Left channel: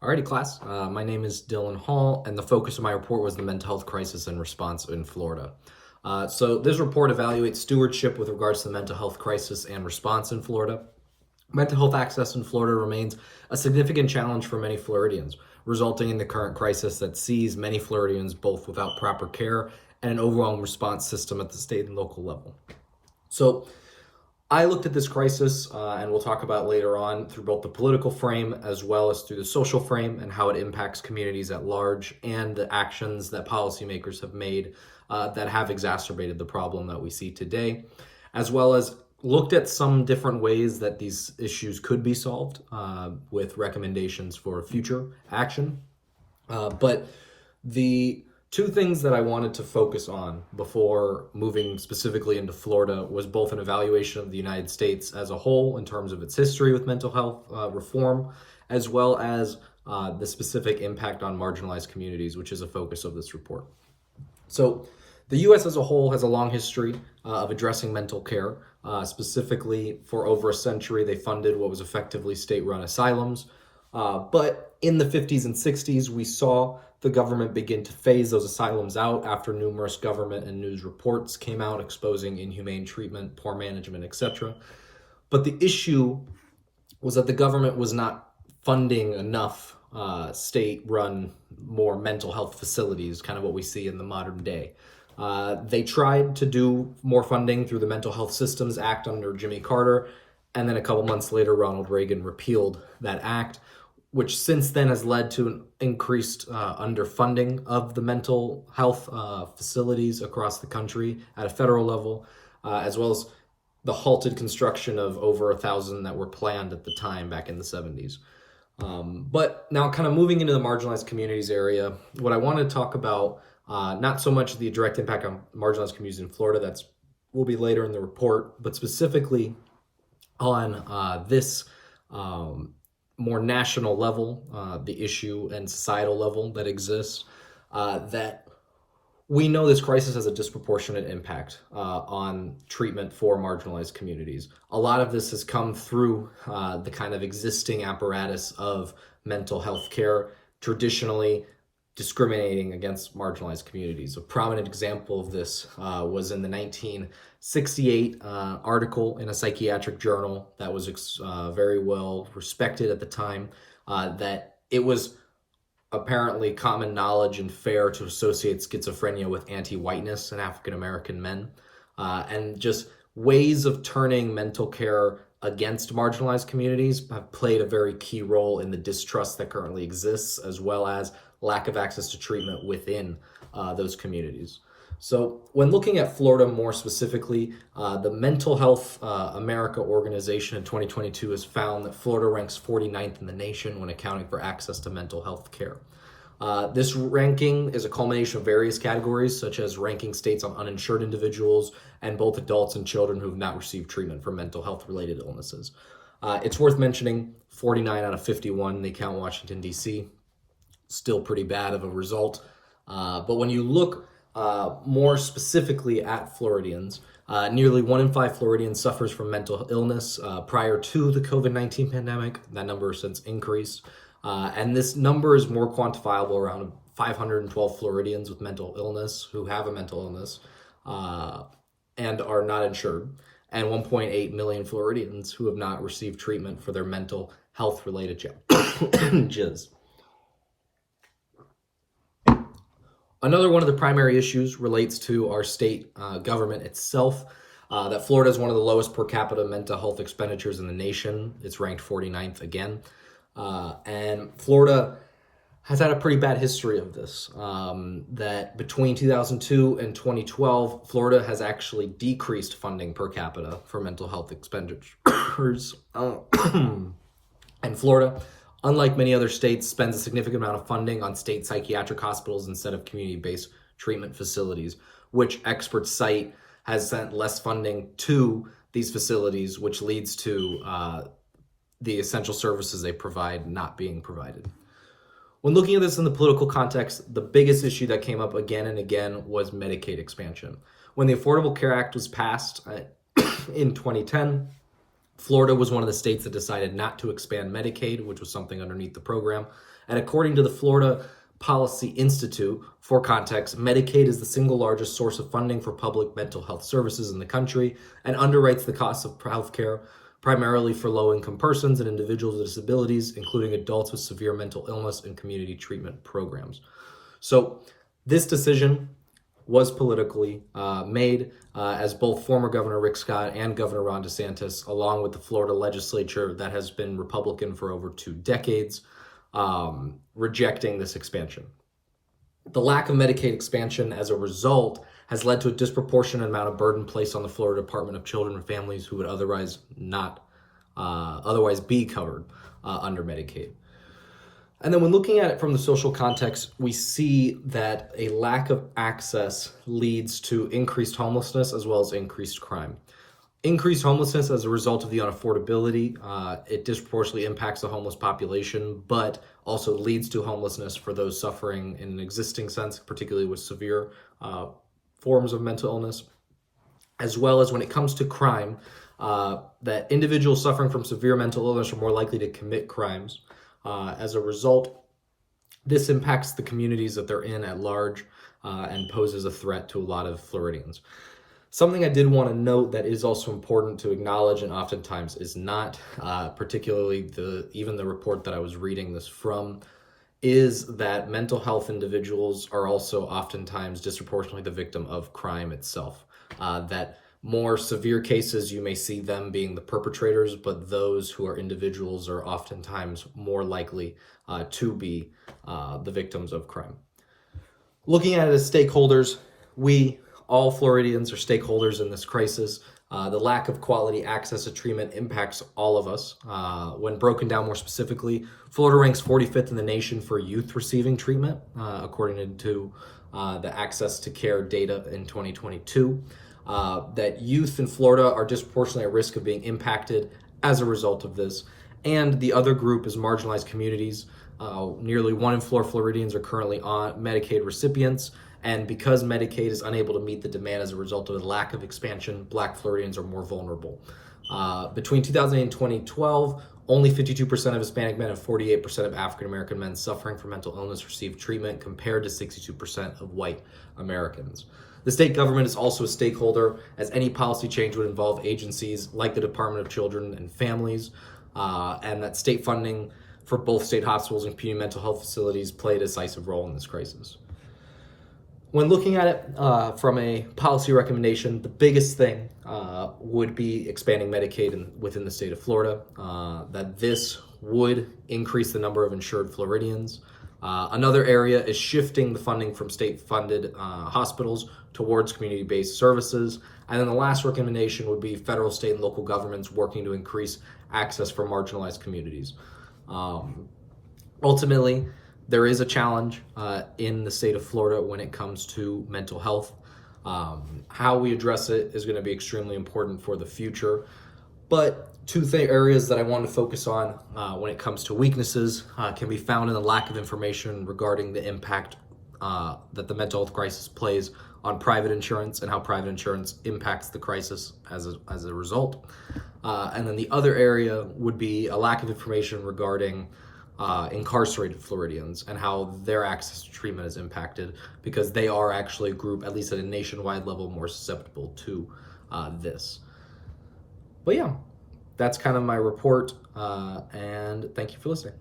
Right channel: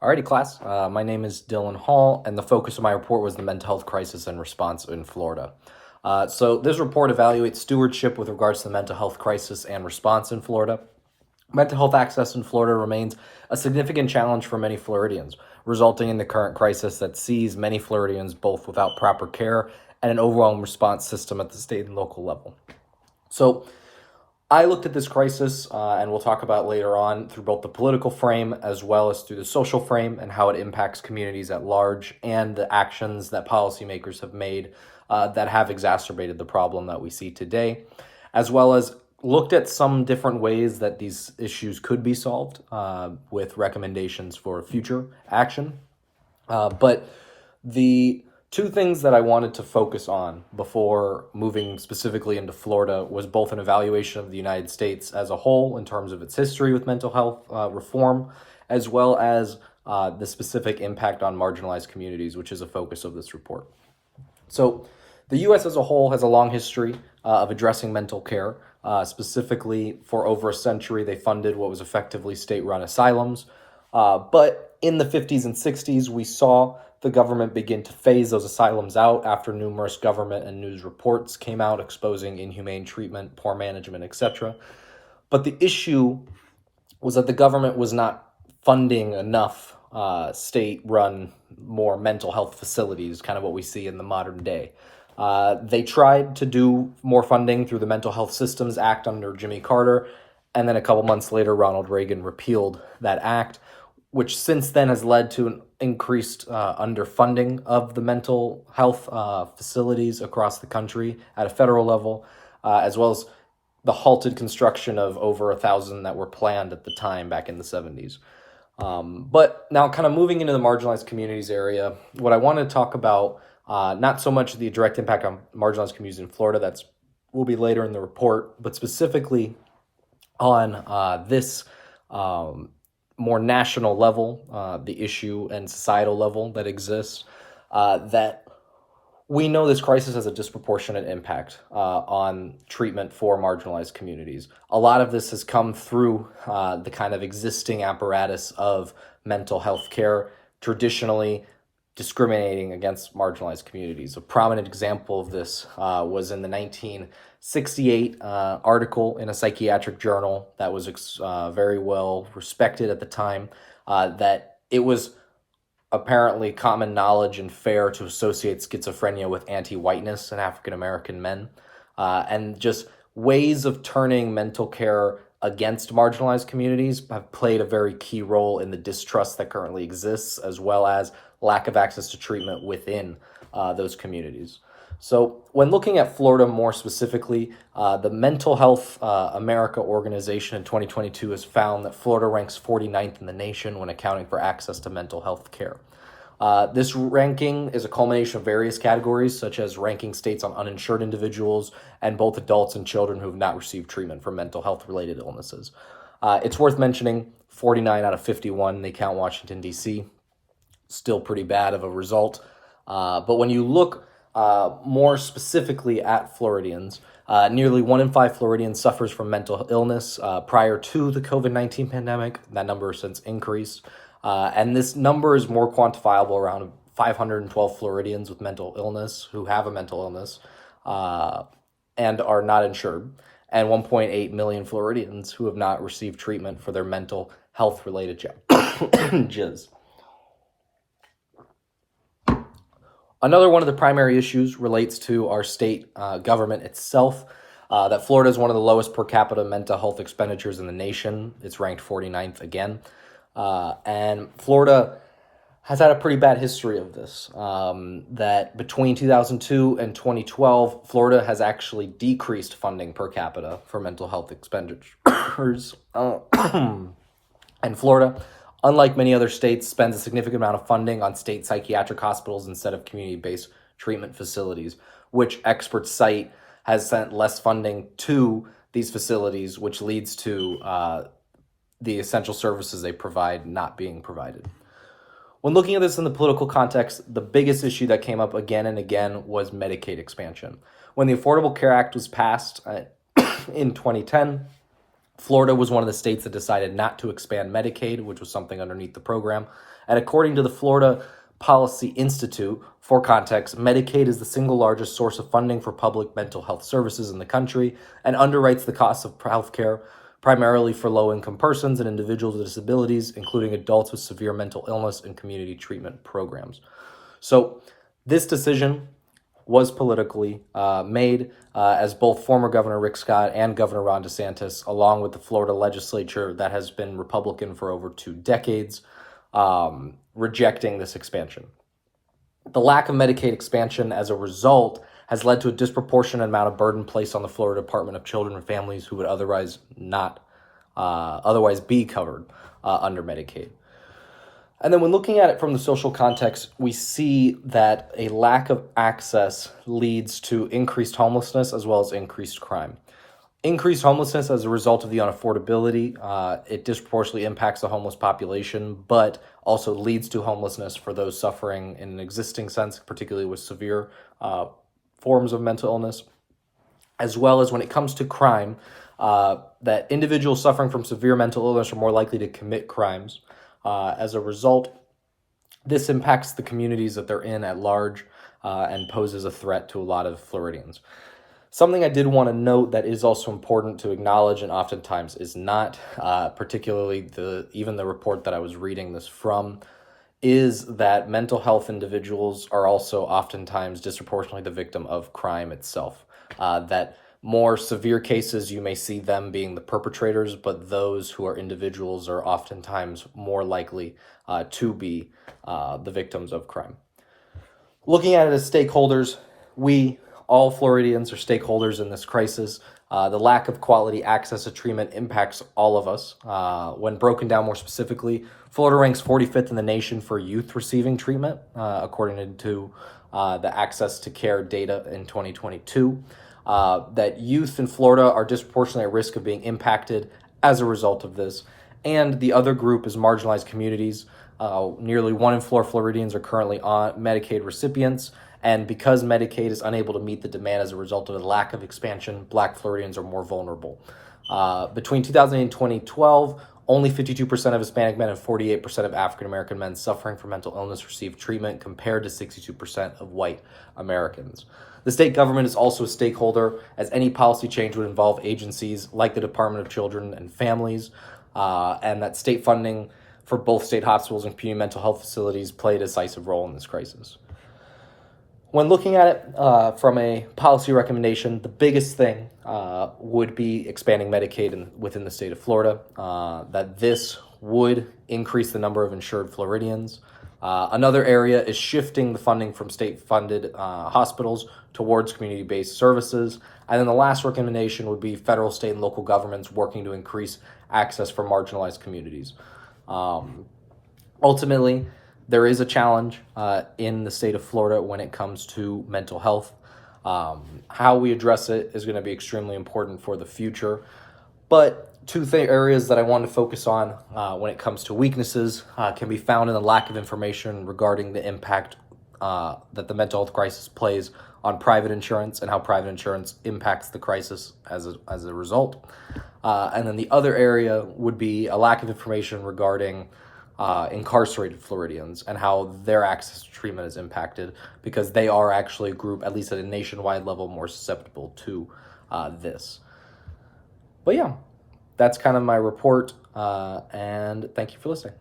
Alrighty, class. My name is Dylan Hall, and the focus of my report was the mental health crisis and response in Florida. So this report evaluates stewardship with regards to the mental health crisis and response in Florida. Mental health access in Florida remains a significant challenge for many Floridians, resulting in the current crisis that sees many Floridians both without proper care and an overwhelming response system at the state and local level. So I looked at this crisis, and we'll talk about later on, through both the political frame as well as through the social frame and how it impacts communities at large and the actions that policymakers have made that have exacerbated the problem that we see today, as well as looked at some different ways that these issues could be solved with recommendations for future action. But the two things that I wanted to focus on before moving specifically into Florida was both an evaluation of the United States as a whole in terms of its history with mental health reform, as well as the specific impact on marginalized communities, which is a focus of this report. So the U.S. as a whole has a long history of addressing mental care. Specifically, for over a century, they funded what was effectively state-run asylums. But in the 50s and 60s, we saw the government begin to phase those asylums out after numerous government and news reports came out exposing inhumane treatment, poor management, etc. But the issue was that the government was not funding enough state-run, more mental health facilities, kind of what we see in the modern day. They tried to do more funding through the Mental Health Systems Act under Jimmy Carter, and then a couple months later, Ronald Reagan repealed that act, which since then has led to an increased underfunding of the mental health facilities across the country at a federal level, as well as the halted construction of over 1,000 that were planned at the time back in the 70s. But now kind of moving into the marginalized communities area, what I want to talk about, not so much the direct impact on marginalized communities in Florida, will be later in the report, but specifically on this more national level, the issue and societal level that exists, that we know this crisis has a disproportionate impact on treatment for marginalized communities. A lot of this has come through the kind of existing apparatus of mental health care, traditionally discriminating against marginalized communities. A prominent example of this was in the 1968 article in a psychiatric journal that was very well respected at the time, that it was apparently common knowledge and fair to associate schizophrenia with anti-whiteness in African-American men, and just ways of turning mental care against marginalized communities have played a very key role in the distrust that currently exists, as well as lack of access to treatment within those communities. So when looking at Florida more specifically, the Mental Health America organization in 2022 has found that Florida ranks 49th in the nation when accounting for access to mental health care. This ranking is a culmination of various categories, such as ranking states on uninsured individuals and both adults and children who have not received treatment for mental health-related illnesses. It's worth mentioning 49 out of 51, they count Washington, D.C., still pretty bad of a result. But when you look more specifically at Floridians, nearly 1 in 5 Floridians suffers from mental illness. Prior to the COVID-19 pandemic, that number has since increased. And this number is more quantifiable around 512 Floridians with mental illness who have a mental illness and are not insured, and 1.8 million Floridians who have not received treatment for their mental health-related challenges. Another one of the primary issues relates to our state government itself, that Florida is one of the lowest per capita mental health expenditures in the nation. It's ranked 49th again. And Florida has had a pretty bad history of this, that between 2002 and 2012, Florida has actually decreased funding per capita for mental health expenditures. And Florida, unlike many other states, spends a significant amount of funding on state psychiatric hospitals instead of community-based treatment facilities, which experts cite has sent less funding to these facilities, which leads to the essential services they provide not being provided. When looking at this in the political context, the biggest issue that came up again and again was Medicaid expansion. When the Affordable Care Act was passed in 2010, Florida was one of the states that decided not to expand Medicaid, which was something underneath the program, And according to the Florida Policy Institute, for context, Medicaid is the single largest source of funding for public mental health services in the country and underwrites the costs of healthcare primarily for low-income persons and individuals with disabilities, including adults with severe mental illness and community treatment programs. So this decision was politically made as both former Governor Rick Scott and Governor Ron DeSantis, along with the Florida legislature that has been Republican for over 2 decades, rejecting this expansion. The lack of Medicaid expansion as a result has led to a disproportionate amount of burden placed on the Florida Department of Children and Families who would otherwise be covered under Medicaid. And then when looking at it from the social context, we see that a lack of access leads to increased homelessness as well as increased crime. Increased homelessness as a result of the unaffordability, it disproportionately impacts the homeless population, but also leads to homelessness for those suffering in an existing sense, particularly with severe forms of mental illness, as well as when it comes to crime, that individuals suffering from severe mental illness are more likely to commit crimes. As a result, this impacts the communities that they're in at large and poses a threat to a lot of Floridians. Something I did want to note that is also important to acknowledge and oftentimes is not, particularly even the report that I was reading this from, is that mental health individuals are also oftentimes disproportionately the victim of crime itself. That more severe cases, you may see them being the perpetrators, but those who are individuals are oftentimes more likely to be the victims of crime. Looking at it as stakeholders, all Floridians are stakeholders in this crisis. The lack of quality access to treatment impacts all of us. When broken down more specifically, Florida ranks 45th in the nation for youth receiving treatment, according to the Access to Care data in 2022. That youth in Florida are disproportionately at risk of being impacted as a result of this. And the other group is marginalized communities. Nearly 1 in 4 Floridians are currently on Medicaid recipients. And because Medicaid is unable to meet the demand as a result of the lack of expansion, Black Floridians are more vulnerable. Between 2008 and 2012, only 52% of Hispanic men and 48% of African-American men suffering from mental illness received treatment, compared to 62% of white Americans. The state government is also a stakeholder, as any policy change would involve agencies like the Department of Children and Families, and that state funding for both state hospitals and community mental health facilities play a decisive role in this crisis. When looking at it from a policy recommendation, the biggest thing would be expanding Medicaid within the state of Florida, that this would increase the number of insured Floridians. Another area is shifting the funding from state-funded hospitals towards community-based services. And then the last recommendation would be federal, state, and local governments working to increase access for marginalized communities. Ultimately, there is a challenge in the state of Florida when it comes to mental health. How we address it is going to be extremely important for the future. But two areas that I want to focus on when it comes to weaknesses can be found in the lack of information regarding the impact that the mental health crisis plays on private insurance and how private insurance impacts the crisis as a result. And then the other area would be a lack of information regarding incarcerated Floridians and how their access to treatment is impacted, because they are actually a group, at least at a nationwide level, more susceptible to this. But yeah, that's kind of my report, and thank you for listening.